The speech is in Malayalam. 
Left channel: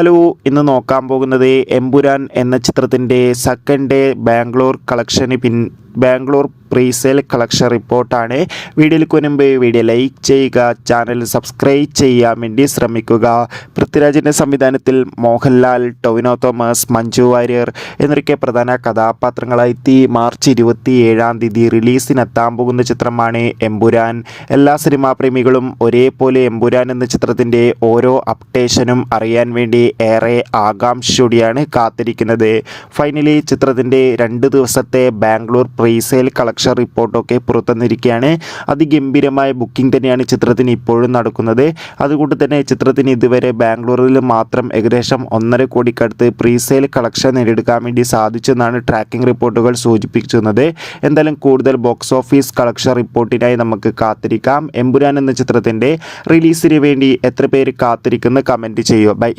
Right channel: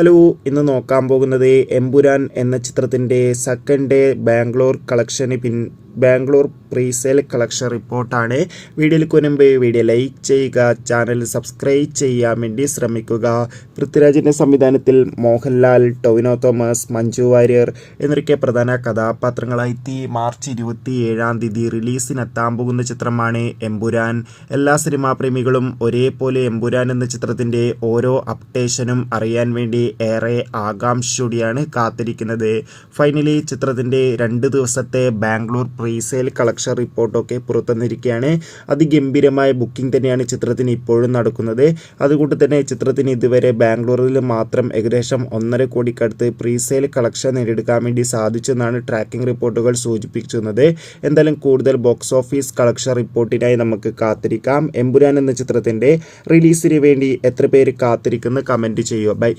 ഹലോ, ഇന്ന് നോക്കാൻ പോകുന്നത് എമ്പുരാൻ എന്ന ചിത്രത്തിൻ്റെ second day Bangalore presale collection റിപ്പോർട്ടാണ്. വീഡിയോയിലേക്ക് മുൻപ് വീഡിയോ ലൈക്ക് ചെയ്യുക, ചാനൽ സബ്സ്ക്രൈബ് ചെയ്യാൻ വേണ്ടി ശ്രമിക്കുക. പൃഥ്വിരാജിൻ്റെ സംവിധാനത്തിൽ മോഹൻലാൽ, ടൊവിനോ തോമസ്, മഞ്ജു വാര്യർ എന്നൊക്കെ പ്രധാന കഥാപാത്രങ്ങളായി മാർച്ച് 27 റിലീസിനെത്താൻ പോകുന്ന ചിത്രമാണ് എമ്പുരാൻ. എല്ലാ സിനിമാ പ്രേമികളും ഒരേപോലെ എമ്പുരാൻ എന്ന ചിത്രത്തിൻ്റെ ഓരോ അപ്ഡേഷനും അറിയാൻ വേണ്ടി ഏറെ ആകാംക്ഷയോടെയാണ് കാത്തിരിക്കുന്നത്. ഫൈനലി ചിത്രത്തിൻ്റെ 2 ദിവസത്തെ ബാംഗ്ലൂർ പ്രീസെയിൽ കളക്ഷൻ റിപ്പോർട്ടൊക്കെ പുറത്തുവന്നിരിക്കുകയാണ്. അതിഗംഭീരമായ ബുക്കിംഗ് തന്നെയാണ് ചിത്രത്തിന് ഇപ്പോഴും നടക്കുന്നത്. അതുകൊണ്ട് തന്നെ ചിത്രത്തിന് ഇതുവരെ ബാംഗ്ലൂരിൽ മാത്രം ഏകദേശം 1.5 കോടിക്കടുത്ത് പ്രീസെയിൽ കളക്ഷൻ നേടിയെടുക്കാൻ വേണ്ടി സാധിച്ചെന്നാണ് ട്രാക്കിംഗ് റിപ്പോർട്ടുകൾ സൂചിപ്പിക്കുന്നത്. എന്തായാലും കൂടുതൽ ബോക്സ് ഓഫീസ് കളക്ഷൻ റിപ്പോർട്ടിനായി നമുക്ക് കാത്തിരിക്കാം. എമ്പുരാൻ എന്ന ചിത്രത്തിൻ്റെ റിലീസിന് വേണ്ടി എത്ര പേര് കാത്തിരിക്കുന്ന കമൻറ്റ് ചെയ്യുക. ബൈ.